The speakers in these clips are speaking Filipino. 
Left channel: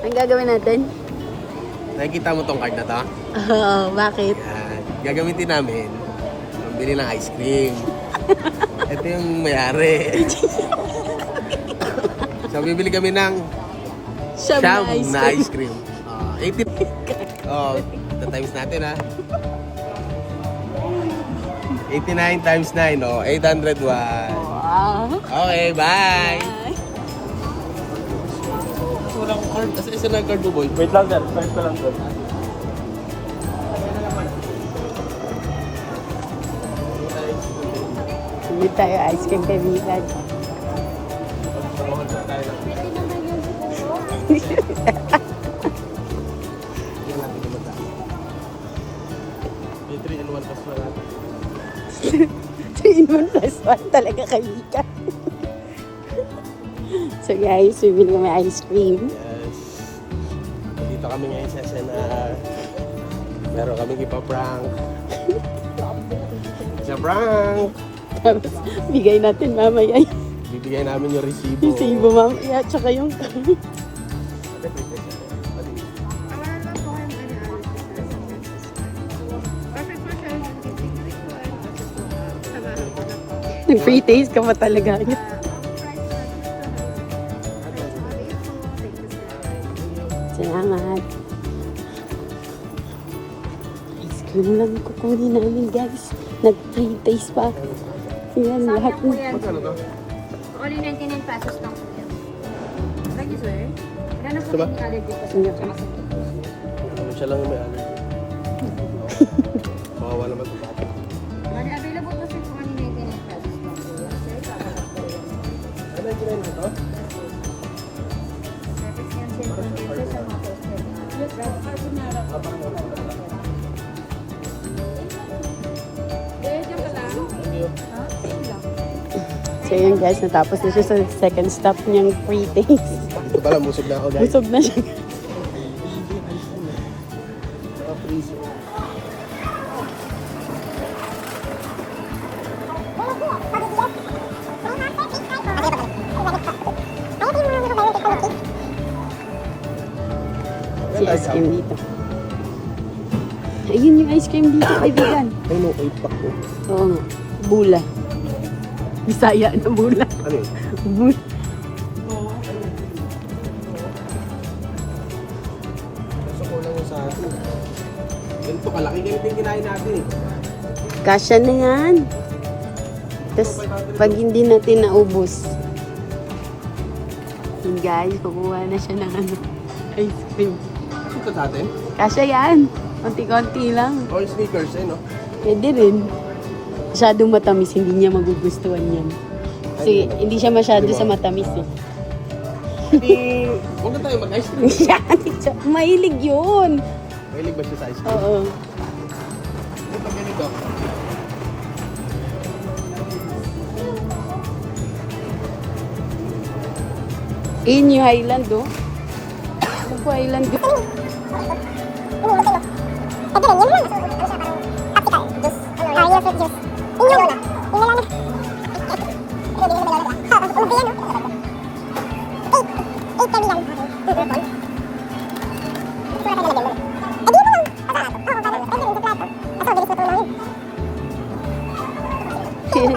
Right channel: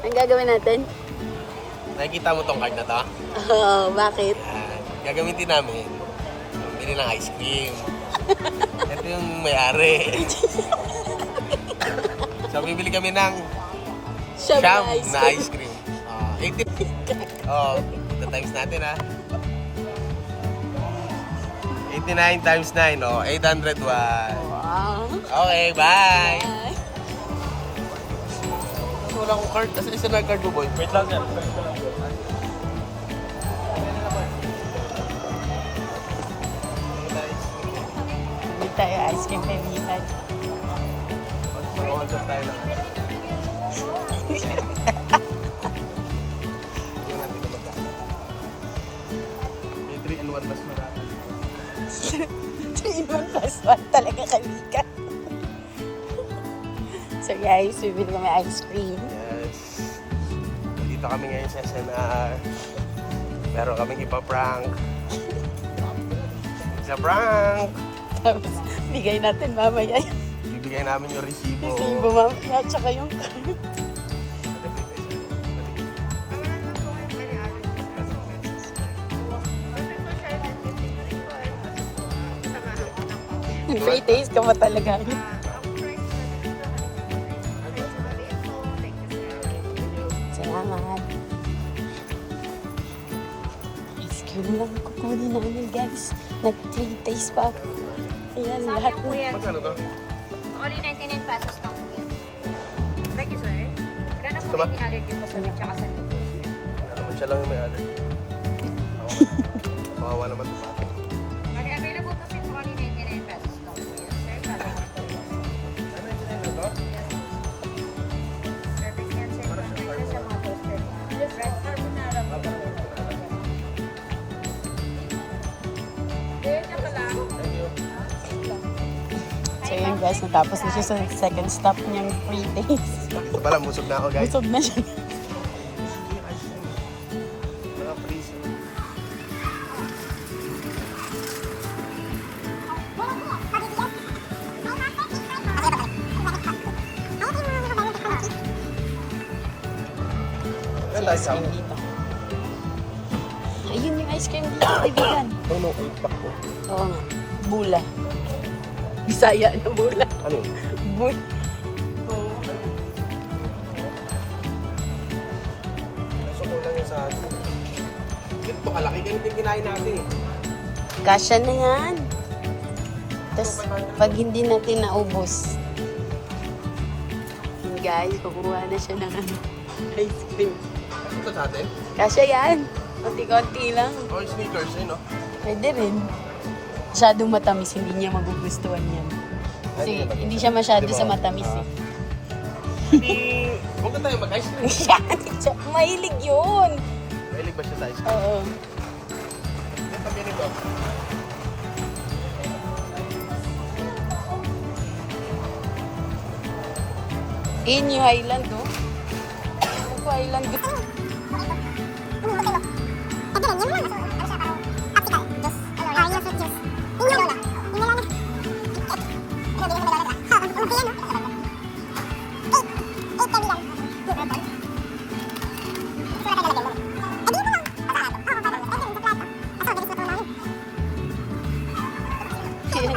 Ang gagawin natin? Nakikita mo tong card na to? Oo, bakit? Yan. Gagamitin namin. Bili ng ice cream. Ito yung may-ari. So, bibili kami ng Siyam na ice cream. 80. Oh, times natin ha. 89 times 9, oh, 801. Wow. Okay, bye! Wala akong card. Kasi isa na card mo, boy. Wait lang yan. First ko lang po. Hindi tayo ice cream kaibigan. May 3 in 1 plus 3 in 1 plus 1 talaga kaibigan. So guys, bibili kami ice cream. Dito kami ngayon sa SNR. Meron kaming ipaprank. Sa prank! Tapos bigay natin mamaya yung Bibigay namin yung resibo. resibo mamaya. Tsaka yung nag-free taste ka pa talaga. Salamat. Ice cream lang kukunin namin guys. Nag-free taste pa. Yan, lahat po na. yan. Ano to? Only 99 pesos lang po yan. Thank you, sir. Gano'n po Tama? yung allergy po, sir? Tsaka sa Siya lang yung may alay. Kawawa naman ito. bali, available po sir po only 99 pesos lang po yan, sir. Para lang po yan. Ano yung kinain lang to? Perfect yan, sir. For sir, sa mga po, sir. Yes, sir. There, siya pa lang. So yun guys, natapos na siya sa second stop niyang free taste. Ito pala, busog na ako guys. Busog na siya. Naka-freeze. Si ice cream dito. Ayun yung ice cream dito, kaibigan. Ano, 8 pack mo. Oo nga. Bula. Bisaya na bula. Ano yun? Bula. Kulang yung sa atin. Ganito kalaki. Ganito yung kinain natin. Kasya na yan. Tapos, pag hindi natin naubos. Yun guys, kumuha na siya ng ano, ice cream. Ito sa atin? Kasya yan. Konti-konti lang. All sneakers, eh, no? Pwede rin. Masyadong matamis, hindi niya magugustuhan yan. Kasi hindi siya masyado sa matamis eh. Hindi. Huwag na tayo mag-ice cream. Yan, mahilig yun. Mahilig ba siya sa ice cream? Oo. Hindi ba ganito? Yun yung Highland oh. Ano po Highland oh.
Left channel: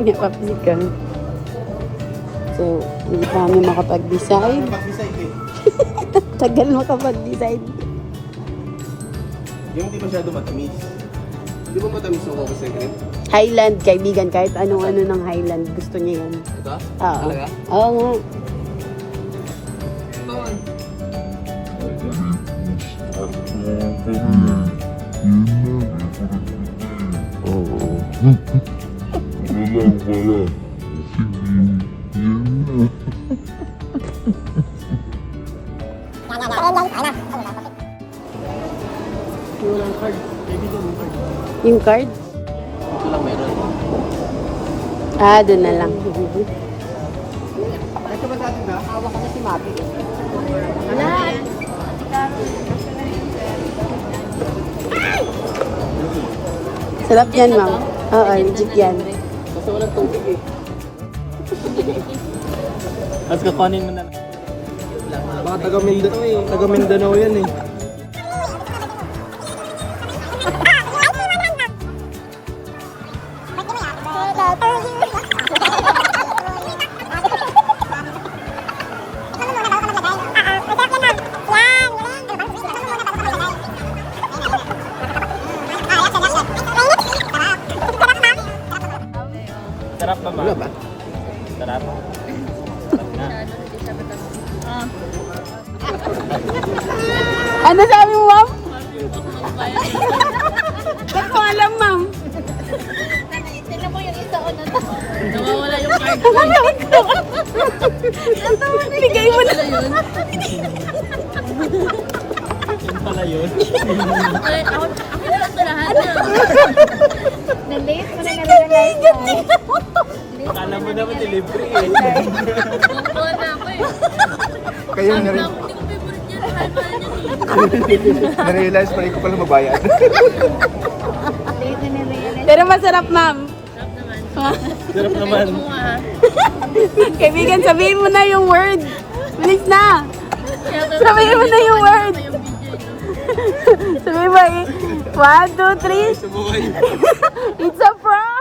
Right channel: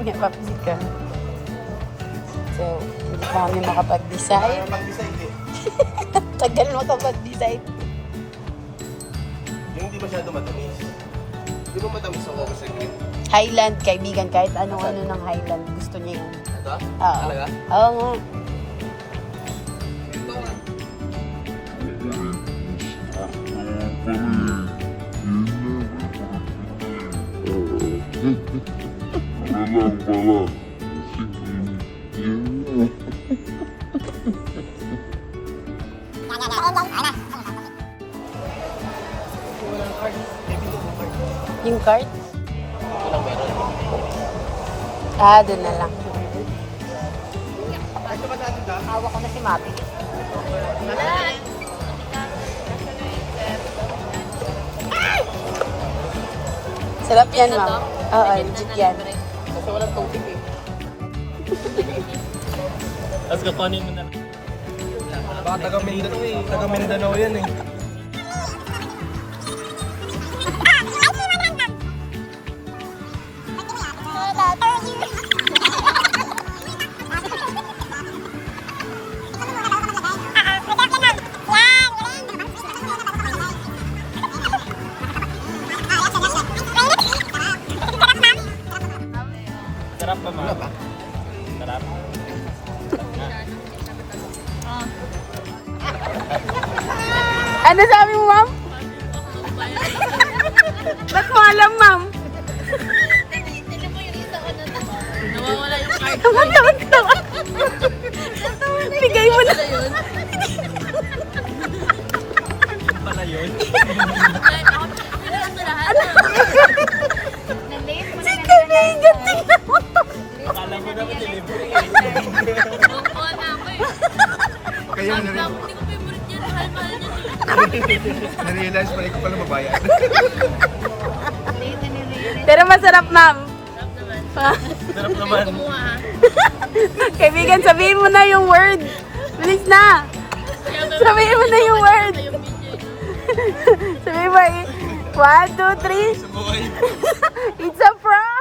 Hindi pa kami. So, hindi pa kami makapag-decide. Pag-decide eh. Tagal makapag-decide. Yung hindi masyado matamis. Hindi ba matamis ang coco secret? Highland, kaibigan, kahit anong-ano ng Highland, gusto niya yun. Ito? Oo. Talaga? Oo nga. Yung card? Ah, doon na lang. Ito ba sa atin ha? Hawak ko na si Maki. Sarap yan, ma'am. Oo, legit yan. Gusto ko ng tubig eh. Tapos kukunin mo na. Mga Baka taga Mindanao yan eh. Wala ba? Ano sabi mo, ma'am? Ba't ko alam, ma'am? Tingnan mo yung isa ko na to. Nawawala yung card ko. Bigay mo na. Ay, ako na lang sa lahat na. Na-late mo na na-realize tayo. Alam mo naman delivery eh. Bongko na ako eh. Kayo Sabi na rin. na ako, hindi ko favorite yan. Mahal-mahal yan eh. Na-realize pa rin ko pala magbayad. Late na na-realize. Pero masarap, ma'am. Sarap naman. Sarap naman. Kumuha ha. Kaibigan, sabihin mo na yung word. Bilis na. Kaya Sabihin mo na yung word. pa yung video no? Sabihin mo, 1, 2, 3. Sumukay. It's a prank.